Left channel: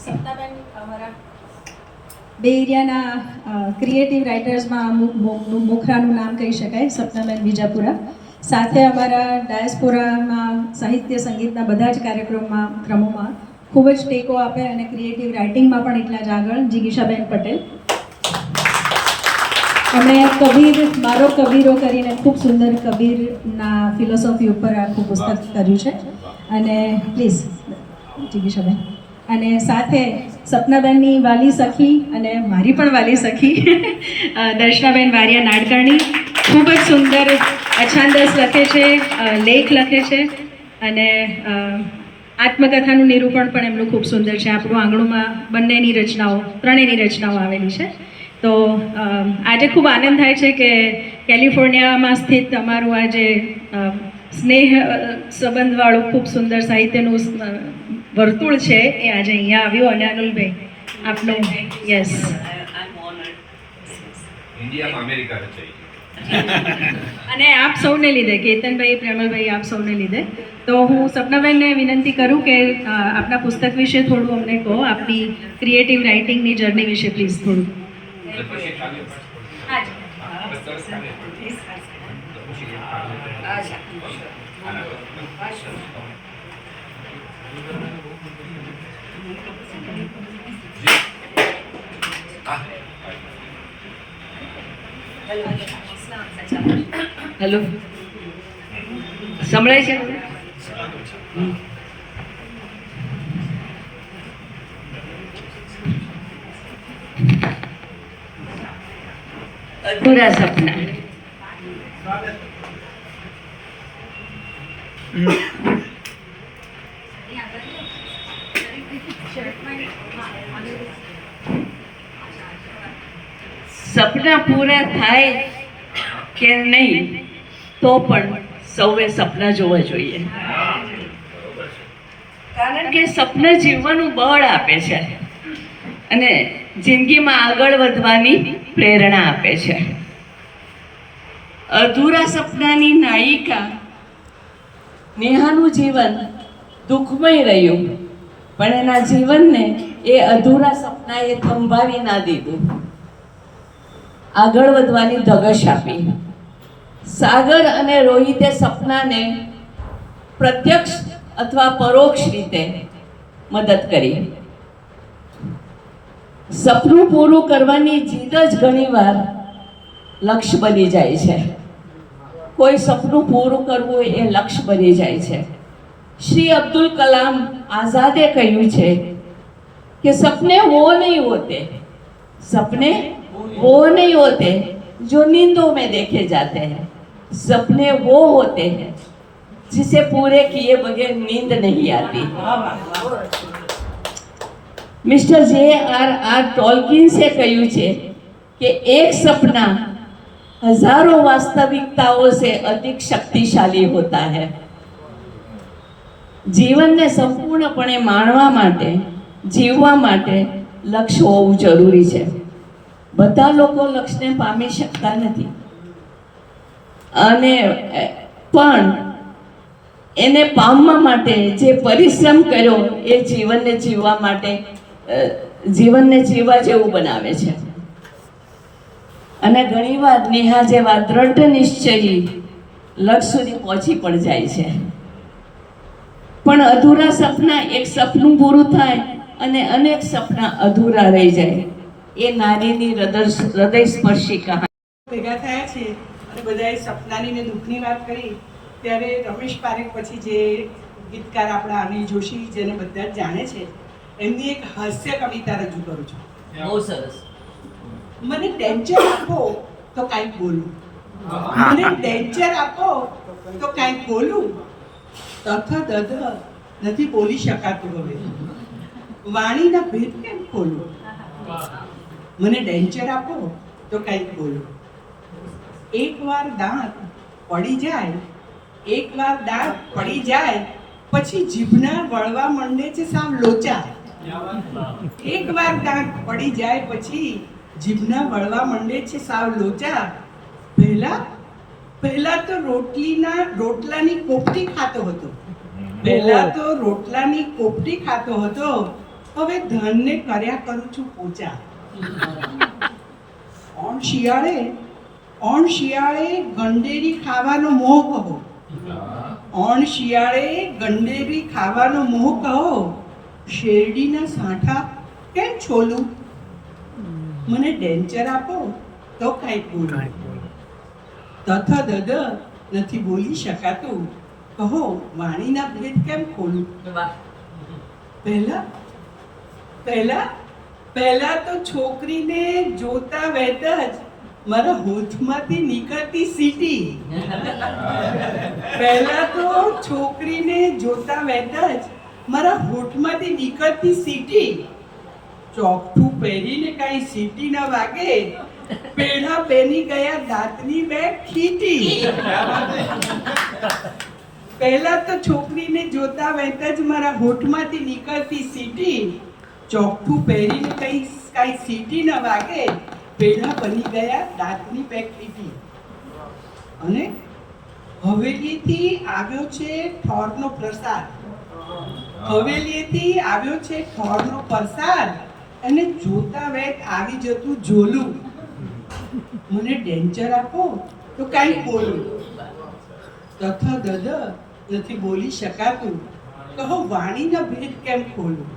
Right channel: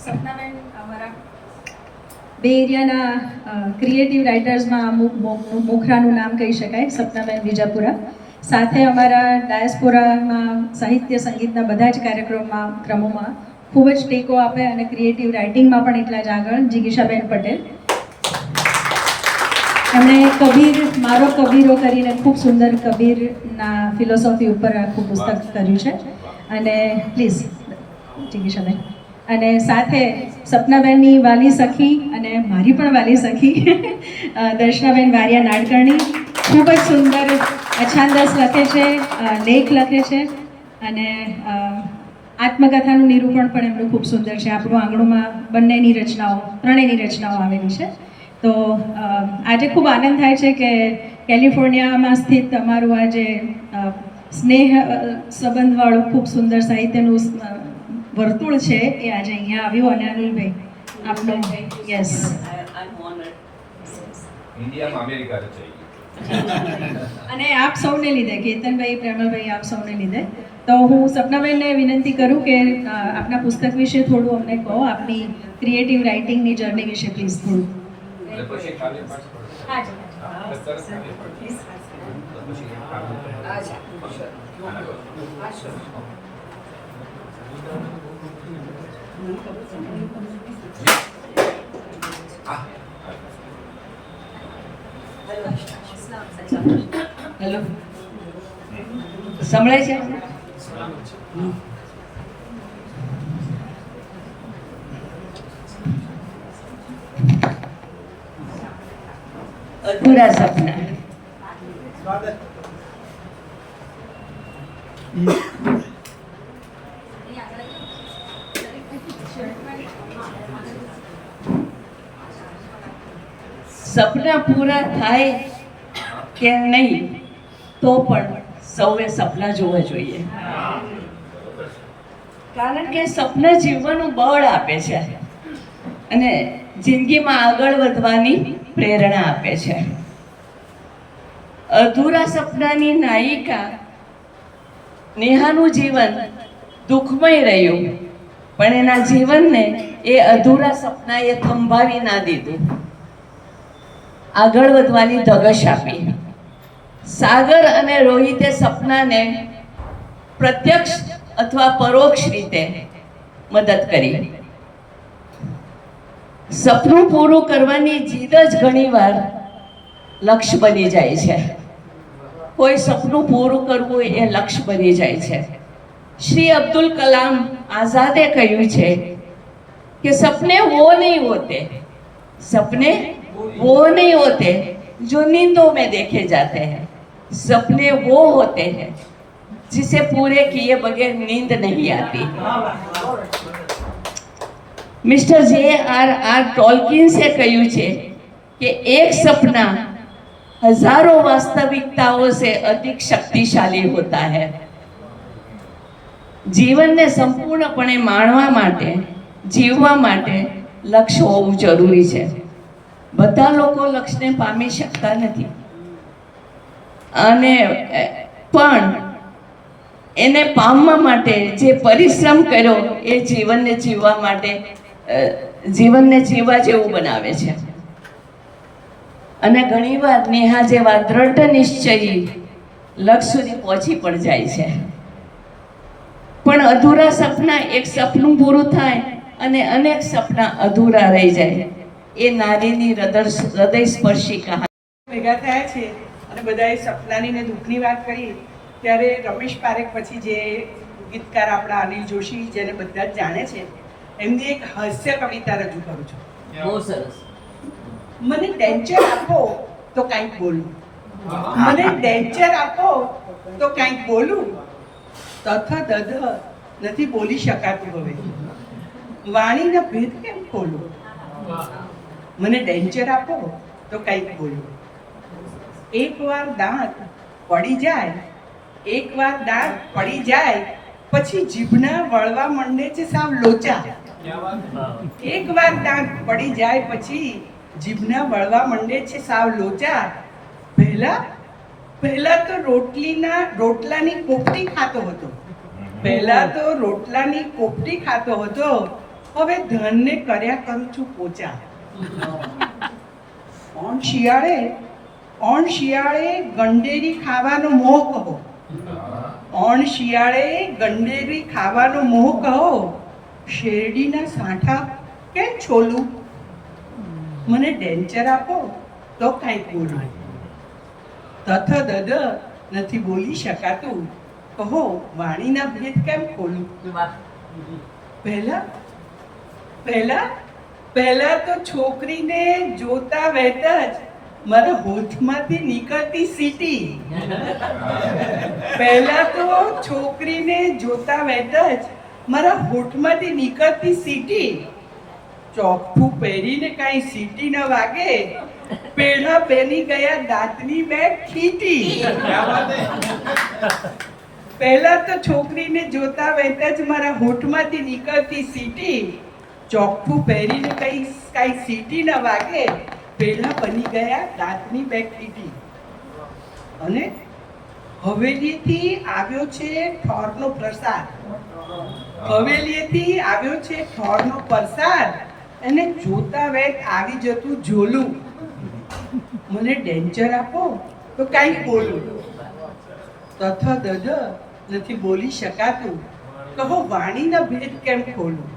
સપનાબેન અમારા બે એરિયાના ક્રિએટિવ રાઇટર્સમાં મોખરાનું નામ કહી શકાય, સપનાબેન વિજાપુરા. સાથે અમારા ડાયસ્પોરામાં સાહિત્ય સંગીતના બધા જ ક્રમોમાં ખૂબ જ ટેકો આપે અને ક્રિએટિવ રાઇટિંગમાં પણ એટલા જ આગળ જિગીશાબેન પટેલ. એમણે કબીર મારો કબીરો કરીને ખૂબ સુંદર કબીરના ફિલોસોફી ઉપર આખું પુસ્તક કર્યું છે. અને પ્લીઝ જિગીશાબેન. અને સાથે સપનાબેનની વાલી સખી અને મારી પણ વાલી સખી દર્શનાબેન વારિયા નાડકર્ણી ખૂબ જ સુંદર અછાંદસ લખે છે, લેખ લખે છે અને આત્મકથાનું નિરૂપણ પણ એમનું ખૂબ સુંદર છે. આપણું આંગણુંમાં બંનેની રચનાઓ, ત્રણેયની રચનાઓ આવેલી છે. તો આજે ખૂબ આનંદ થાય છે કે કેલિફોર્નિયામાં સ્થિત અમારું આ જે સ્નેહ સંબંધવાળું ખૂબ સુંદર સાહિત્યનું વર્તુળ છે એ આજે અહીંયા આવ્યું. અને અનુલભાઈ આપનું યસ અને આપ સૌને લીધે, કેતનભાઈ, પ્રેમલભાઈ, આપ સૌને લીધે. તો હું સપનાબેનને વિનંતી કરું કે આપના પુસ્તક વિશે થોડું અમને કહો, આપની ક્રિએટિવ રાઇટિંગની જર્ની વિશે પ્લીઝ થોડું. હેલો, સંભળાય છે? અધૂરા સપના. સપના પૂરા થાય કે નહીં તો પણ સૌએ સપના જોવા જોઈએ, કારણ કે સપના જીવવાનું બળ આપે છે અને જિંદગીમાં આગળ વધવાની પ્રેરણા આપે છે. અધૂરા સપનાની નાયિકા નેહાનું જીવન દુઃખમય રહ્યું, પણ એના જીવનને એ અધૂરા સપનાએ થંભાવી ના દીધું, આગળ વધવાની ધગશ આપી. સાગર અને રોહિતે સપનાને પ્રત્યક્ષ અથવા પરોક્ષ રીતે મદદ કરી. સપનું પૂરું કરવાની જીદ જ ઘણીવાર લક્ષ્ય બની જાય છે. કોઈ સપનું પૂરું કરવું એ લક્ષ્ય બની જાય છે. શ્રી અબ્દુલ કલામ આઝાદે કહ્યું છે કે સપને વો નહીં હોતે, સપને वो नहीं होते जो नींदों में देखे जाते हैं, सपने वो होते हैं जिसे पूरे किए बगैर नींद नहीं आती. Mister J.R.R. टॉल्किन से કહ્યું છે કે एक सपना हजारों वास्तविकताओं से अधिक शक्तिशाली होता है. જીવનને સંપૂર્ણપણે માણવા માટે, જીવવા માટે લક્ષ્ય હોવું જરૂરી છે. બધા લોકો લક્ષ્યને પામી શકતા નથી અને પણ એને પામવા માટે જે પરિશ્રમ કર્યો એ જીવનને જીવવા માટે, જીવનને જીવવા જેવું બનાવે છે. અને ઘણીવાર નેહા જેવા દ્રઢ નિશ્ચયી લક્ષ્ય સુધી પહોંચી પણ જાય છે. પણ અધૂરા સપના, એક સપનું પૂરું થાય અને અનેક સપના અધૂરા રહી જાય, એ નારીની હૃદયસ્પર્શી કહાની. ભેગા થયા છે અને બધાએ સપનાની ને દુઃખની વાત કરી ત્યારે રમેશ પારેખ પછી જે ગીતકાર આપણા અનિલ જોશી, જેને બધા જ જાણે છે, એમની એક હાસ્ય કવિતા રજૂ કરું છું. બહુ સરસ. મને ડેન્ચર આપો તો કાંઈક બોલું, મને ડેન્ચર આપો તો કાંઈક બોલું, તથ દધ નથી બોલી શકાતું હવે, વાણીના ભેદ કેમ ખોલું, મને ડેન્ચર આપો તો કંઈક બોલું. એકવાર દાંત પડી જાય, એકવાર દાંત પડી જાય પછી જીભના વળવા માંડે છે સાવ લોચા. એકવાર દાંત પડી જાય પછી જીભના વળવા માંડે છે સાવ લોચા. પહેલા તો રોટલાની કોપટી ખાતો હતો, પહેલા તો રોટલાની કોપટી ખાતો હતો, હવે ધનને કર્યા કરું છું પોચા. ઓણ શિયાળે ગંડેરી ખાવાનો મોહ કહો. ઓણ શિયાળે ગંડેરી ખાવાનો મોહ કહો. શેરડીના સાંઠા કેમ છોલું? મને ડેન્ચર આપો તો કાંઈક બોલું. તથ દદ નથી બોલી શકાતું, કહો વાણીના ભેદ કેમ ખોલું? પહેલા તો છોકરીને જોતા વેત જ મારા હોઠમાંથી નીકળતી સીટી. પહેલા તો છોકરીને જોતા વેત જ મારા હોઠમાંથી નીકળતી સીટી. ચોકઠું પહેરીને કાંઈ સીટી ન વાગે, પેઢા બેની ગયા દાંતની બે ખીટી. પહેલા તો છોકરીને જોતા વેત જ મારા હોઠમાંથી નીકળતી સીટી. ચોકઠું પહેરીને કાંઈ સીટી ન વાગે, પેઢા બની ગયા દાંતની બે ખીટી. અને હવેલીથી આવ્યો છે ઠોરનો પ્રસાદ. હવેલીથી આવ્યો છે ઠોરનો પ્રસાદ, અને જોતા વેત આવી જતું ઝોલું. મને ડેન્ચર આપો તો કાંઈક બોલું. તથ દદ નથી બોલી શકાતું, કહો વાણીના ભેદ કેમ ખોલું?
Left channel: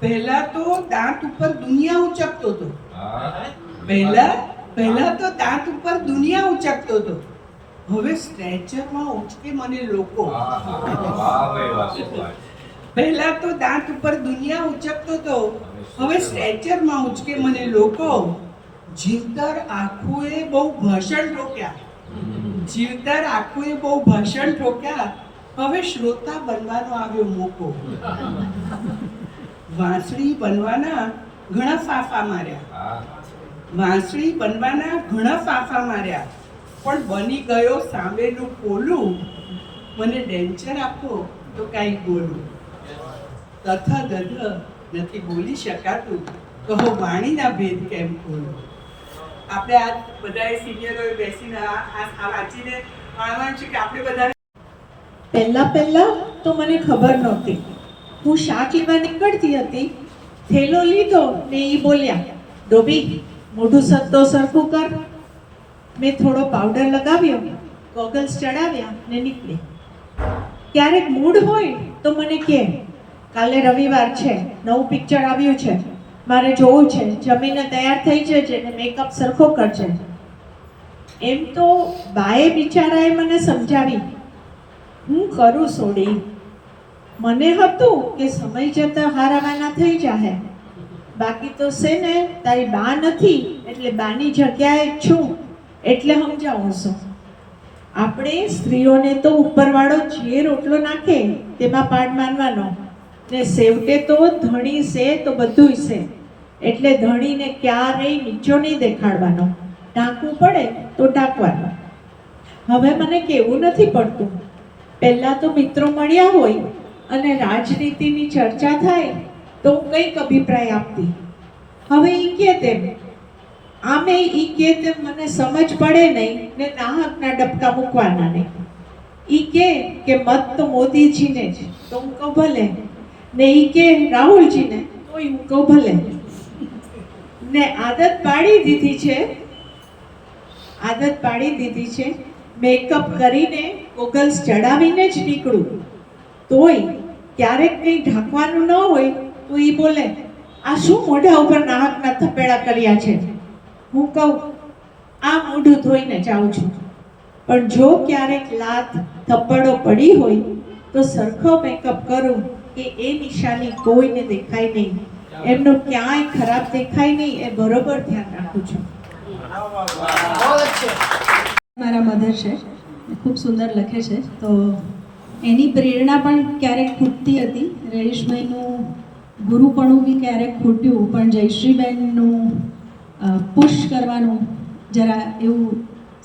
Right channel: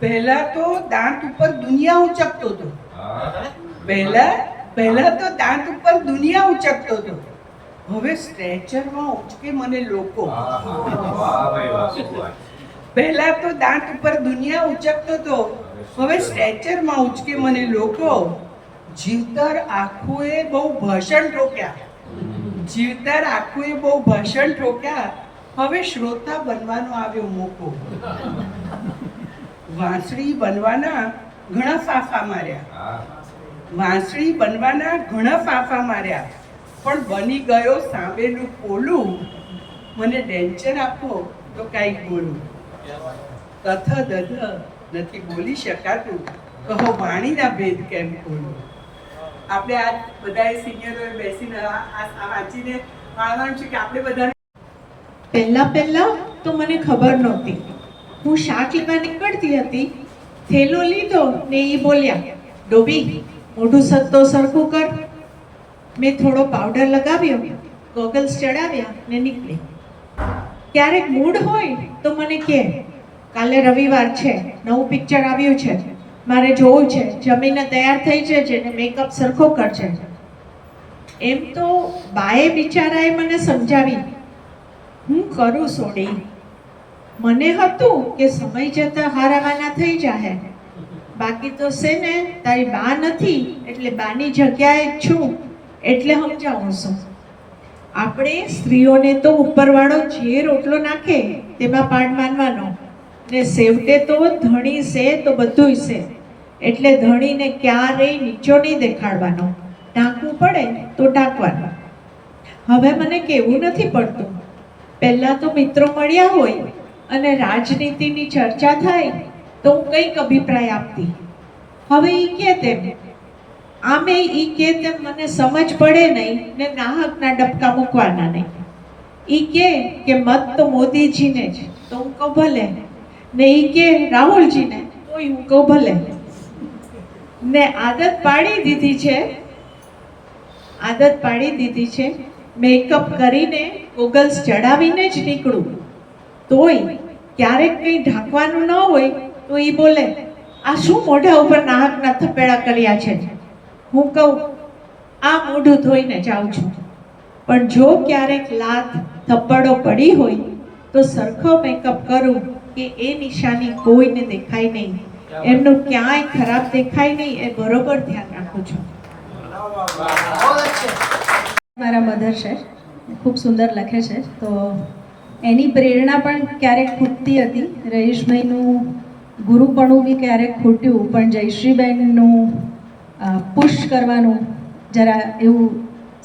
પહેલા તો દાંત ઉપર દુનિયા ઉચકતો હતો. પહેલા તો દાંત ઉપર દુનિયા ઉચકતો હતો. હવે સ્ટ્રેચરમાં ઉચકે મને લોકો. પહેલા તો દાંત ઉપર દુનિયા ઉચકતો હતો, હવે સ્ટ્રેચરમાં ઉચકે મને લોકો. જીવતર આંખોએ બહુ ભાષણ ઠોક્યા. જીવતર આંખોએ બહુ ભાષણ ઠોક્યા, હવે શ્રોતા બનવાનો આવ્યો મોકો. વાંસળી બનવાના ઘણા ફાફા માર્યા. વાંસળી બનવાના ઘણા ફાફા માર્યા, પણ બની ગયો સામેનું પોલું. મને ડેન્ચર આપો તો કાંઈક બોલું. તથ દધ નથી બોલી શકાતું, કહો વાણીના ભેદ કેમ ખોલું? આપણે આ બધાએ સિનિયરોએ બેસીને આ વાંચીને માણવાનું છે કે આપણે બધાને પહેલા તો મને ખબર નહોતી. હું શાક લેવા નીકળતી હતી, થેલો લીધો ને એ બોલ્યા, ડોબી મોઢું સત્તો સરખું કર. મેં થોડો પાવડર લગાવ્યો, ગોગલ્સ ચડાવ્યા ને નીકળી. ક્યારેક મૂડ હોય તો મને કહે, કાલે રવિવાર છે, નવું પિક્ચર આવ્યું છે, મારે જોવું છે, જમીને તૈયાર થઈ જજે ને મેકઅપ સરખો કરજે. એમ તો બાએ બિચારાએ મને સમજાવી, હું કરું સોડી. મને હતું કે સમય જતા હારાવાના થઈ જાહે, બાકી તો છે ને તારી બા નથી એટલે બાની જગ્યાએ જ છું એટલે સમજાવું છું. આપણે સ્ત્રીઓને તો ઉપરવાળો જે રોટલો નાખે તેમાં પાડ માનવાનો, ને સેવટે તો ધણી છે તો બધુંય છે, એટલે ધણીને ક્યારેય નીચો નહીં દેખાડવાનો. ઢાંકવું પડે તો ઢાંકવાનો. હવે મને કેવું નથી પડતું. પહેલાં તો મિત્રો મળ્યા હોય અને રાજનીતિની ચર્ચા થાય તો હું કંઈક અભિપ્રાય આપતી. હવે એ કે તેમ, આમે એ કે તેમ મને સમજ પડે નહીં ને નાહકના ડબકા મૂકવાના નહીં. એ કે મત તો મોદીજીને જ, તો હું કહું ભલે. ને એ કે રાહુલજીને, તોય હું કહું ભલે. ને આદત પાડી દીધી છે મેકઅપ કરીને ગોગલ્સ ચડાવીને જ નીકળું. તોય ક્યારેક કંઈ ઢાંકવાનું ન હોય તો એ બોલે, આ શું મોઢા ઉપર નાહકના થપેડા કર્યા છે? હું કહું, આ મોઢું ધોઈને જાઉં છું. પણ જો ક્યારેક લાત થપ્પડો પડી હોય તો સરખો મેકઅપ કરું કે એ નિશાની કોઈને દેખાય નહીં, એમનું ક્યાંય ખરાબ દેખાય નહીં, એ બરોબર ધ્યાન રાખું છું. મારા મધર છે, ખૂબ સુંદર લખે છે, તો એની પ્રેરણા પણ ક્યારેક ખૂટતી હતી. રહીશભાઈનું ગુરુપણું બી ક્યારેક ખૂટ્યું, પણ જયશ્રીબેનનું પુશ કરવાનું જરા એવું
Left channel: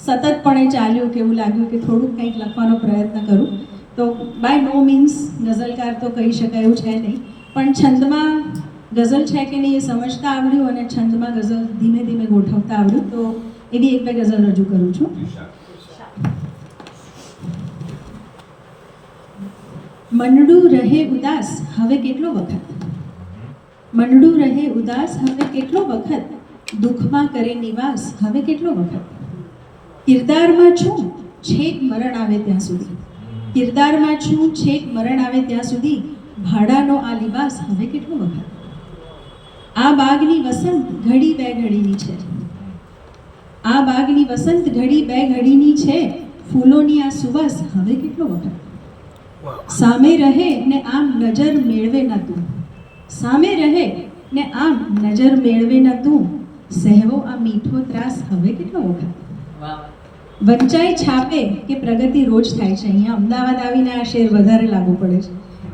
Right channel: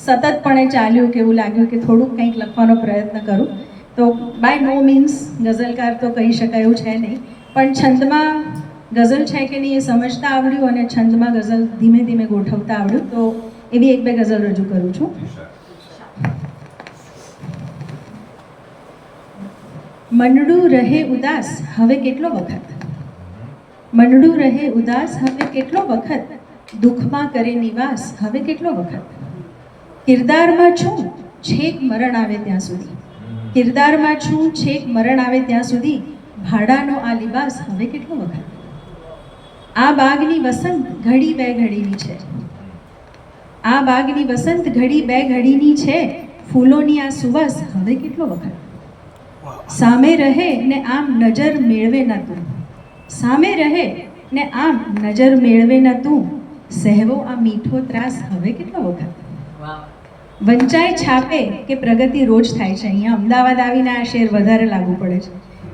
સતતપણે ચાલ્યું કે એવું લાગ્યું કે થોડુંક કંઈક લખવાનો પ્રયત્ન કરું. તો બાય નો મીન્સ ગઝલકાર તો કહી શકાય એવું છે નહીં, પણ છંદમાં ગઝલ છે કે નહીં એ સમજતા આવડ્યું અને છંદમાં ગઝલ ધીમે ધીમે ગોઠવતા આવડ્યું. તો એવી એક બે ગઝલ રજૂ કરું છું. મંડળું રહે ઉદાસ હવે કેટલો વખત, મંડળું રહે ઉદાસ હવે કેટલો વખત, દુઃખમાં કરે નિવાસ હવે કેટલો વખત, કિરદારમાં છું છેક મરણ આવે ત્યાં સુધી, કિરદારમાં છું છેક મરણ આવે ત્યાં સુધી, ભાડાનો આ લિબાસ હવે કેટલો વખત, આ બાગની વસંત ઘડી બે ઘડીની છે, આ બાગની વસંત ઘડી બે ઘડીની છે, ફૂલોની આ સુવાસ હવે કેટલો વખત, સામે રહે ને આમ નજર મેળવે ન તું, સામે રહે ને આમ નજર મેળવે ન તું, સહેવો આ મીઠો ત્રાસ હવે કેટલો વખત, વંચાય છાપે કે પ્રગતિ રોજ થાય છે. અહીંયા અમદાવાદ આવીને આ શેર વધારે લાગુ પડે છે.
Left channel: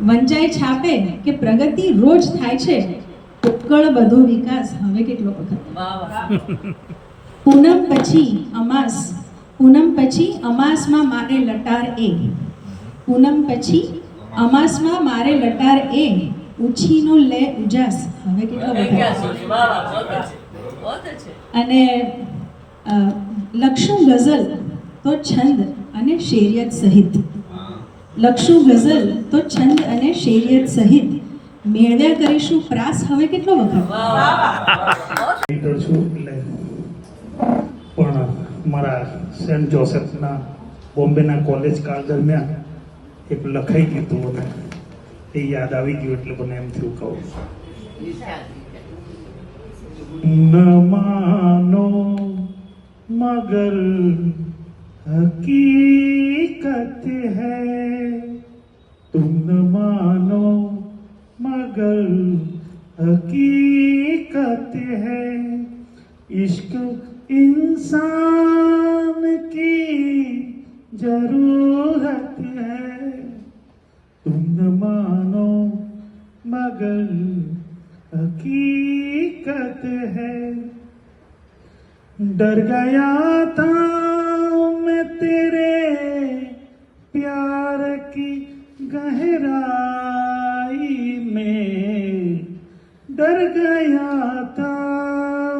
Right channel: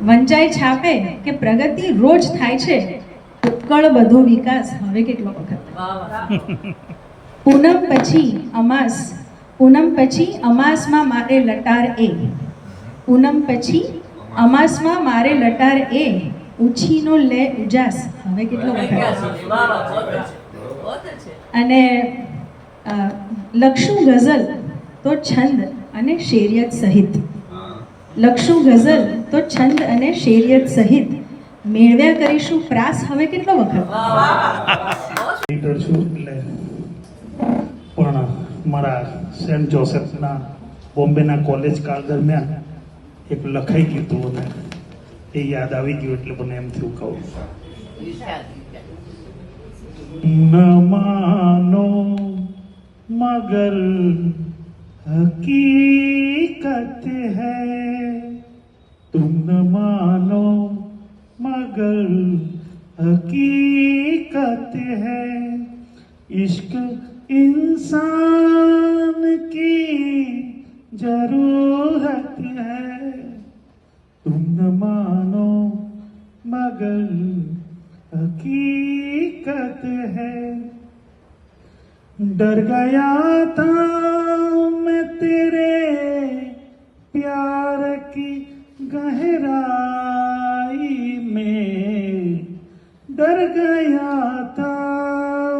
વંચાય છાપે કે પ્રગતિ રોજ થાય છે, ઉત્કળ બધો વિકાસ હવે કેટલો વખત, પૂનમ પછી અમાસ, પૂનમ પછી અમાસમાં મારે લટાર એ, પૂનમ પછી અમાસમાં મારે લટાર એ, ઉછીનો લે ઉજાસ હવે કેટલો વખત. અને લખશું ગઝલ તો છંદ અને શેરિયત સહિત, લખશું ગઝલ તો છંદ અને શેરિયત સહિત, મેળવ્યા કરીશું પ્રાસ હવે કેટલો વખત. છું એટલે પણ મારા સેન્ટ જોસેફના બોમ્બેના કોલેજ કાળ દરમિયાન એક લખાઈ ગયું હતું અને એ યાદ આવી ગયું એટલે મને એમ થયું કહું. ન માનો मगर हकीकत है, तुम न मानो मगर हकीकत है, इश्क इंसान की जरूरत है, तुम न मानो मगर हकीकत है, डर गया था मैं तेरे प्यार की गहराई में, डर गया था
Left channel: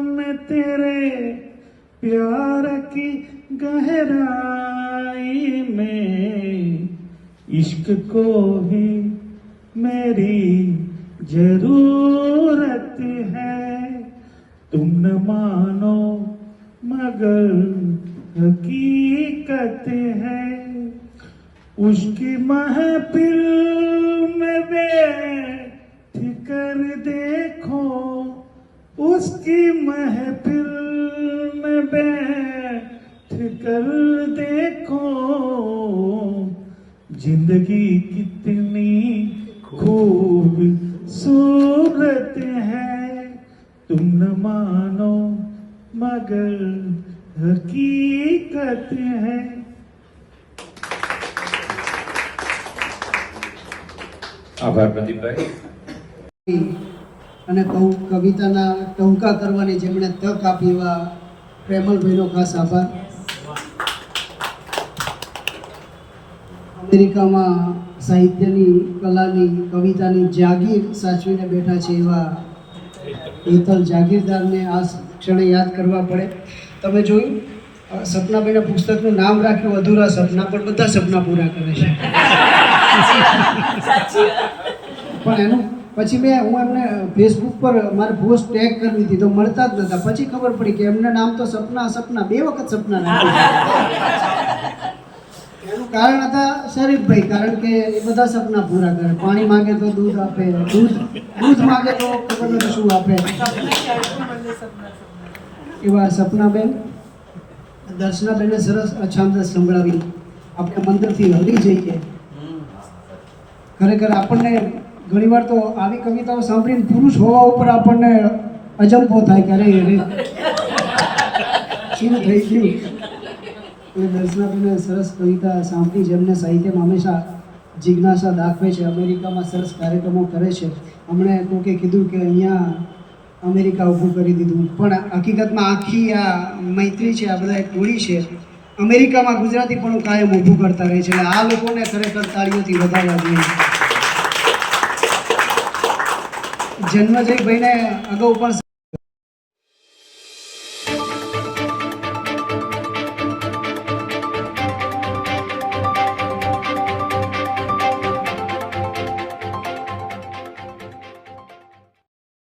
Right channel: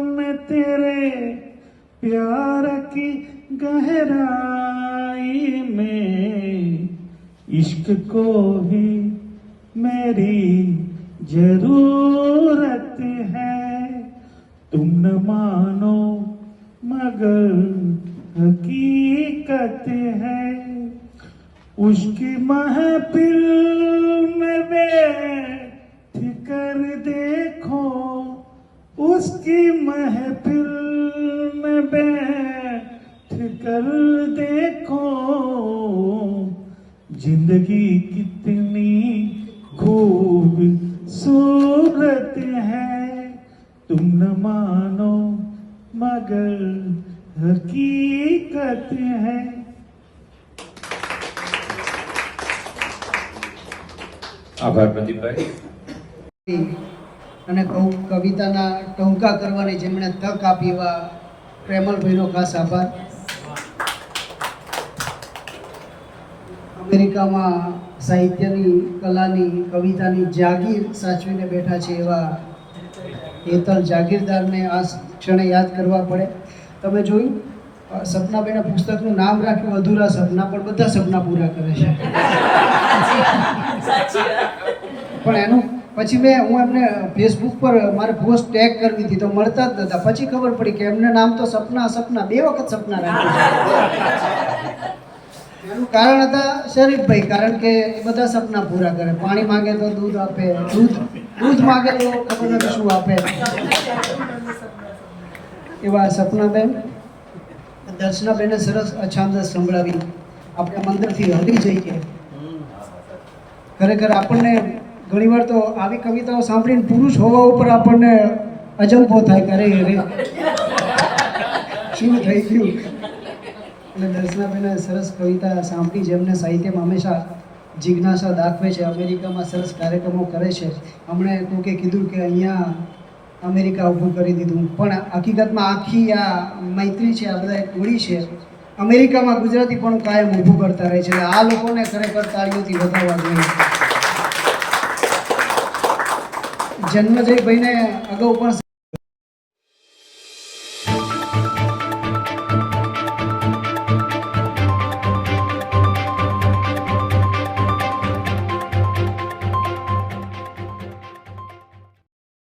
मैं तेरे प्यार की गहराई में, इश्क को ही मेरी जरूरत है, तुम न मानो मगर हकीकत है, उसकी महफिल में बैठ कर देखो, उसकी महफिल में बैठ कर देखो, जिंदगी कितनी खूबसूरत है, तुम न मानो मगर हकीकत है. આભાર પ્રદીપભાઈ. અને કવિતાના ટહુકા કરવાની જેમણે તક આપી એવા પ્રેમલભાઈનો ખાસ આભાર. અમેરિકામાં સાહિત્યની, કલાની, કવિતાની જાગીર સાચવીને બેઠા છે એવા હેતલ જાગીરદારને આ ક્ષણે યાદ કરવા પડે. તમે જોયું સપનાભાઈના પુસ્તકનું નામ રાખ્યું અધૂરા સપના, પણ બધા સપના પૂરા કરે છે. પણ એનું પછી હું એમને ફેસબુક પર મારે પોસ્ટ ટેગ કરવી હતી તો મળતા જ નહોતા. પછી ખબર પડી કે એમને નામ તો સપના 2 વખત સપના રાખ્યા. એનું કારણ હતા શરીફભાઈ, કારણ કે એ બધા સપના પૂરા કરે. પાણી માંગે તો દૂધ આપે, દૂધ માંગે તો ખબર નથી શું આપે. એવા સપનાબેન, દર્શનાબેને સરસ અછાંદસ સંભળાવી. આપણે મંદિરથી હલી જઈએ. ખરેખર આપણને ઘણીવાર તો આવી કવિતાઓ સાંભળીને પુરુષ હોવા ઉપર આપણને અજંપો થાય કે અરે શું થઈ ગયું. એટલે દર્શનાબેને સરસ કવિતા સાંભળી, જેમને સાહિત્યમાં હંમેશા જિજ્ઞાસા દાખવે છે. અમેરિકામાં સરસ કાર્યક્રમો કરે છે. હમણાં કોકે કીધું કે અહીંયા અમેરિકા ઊભું કરી દીધું, પણ હકીકતમાં આખી આ મૈત્રી છે, આ બધા એક ટોળી છે. અમેરિકામાં ગુજરાતી પણ કાયમ ઊભું કરતા રહે છે. એટલે આ લોકોને ખરેખર તાળીઓથી વધાવવા જોઈએ. જન્મજયભાઈને અગાઉ પણ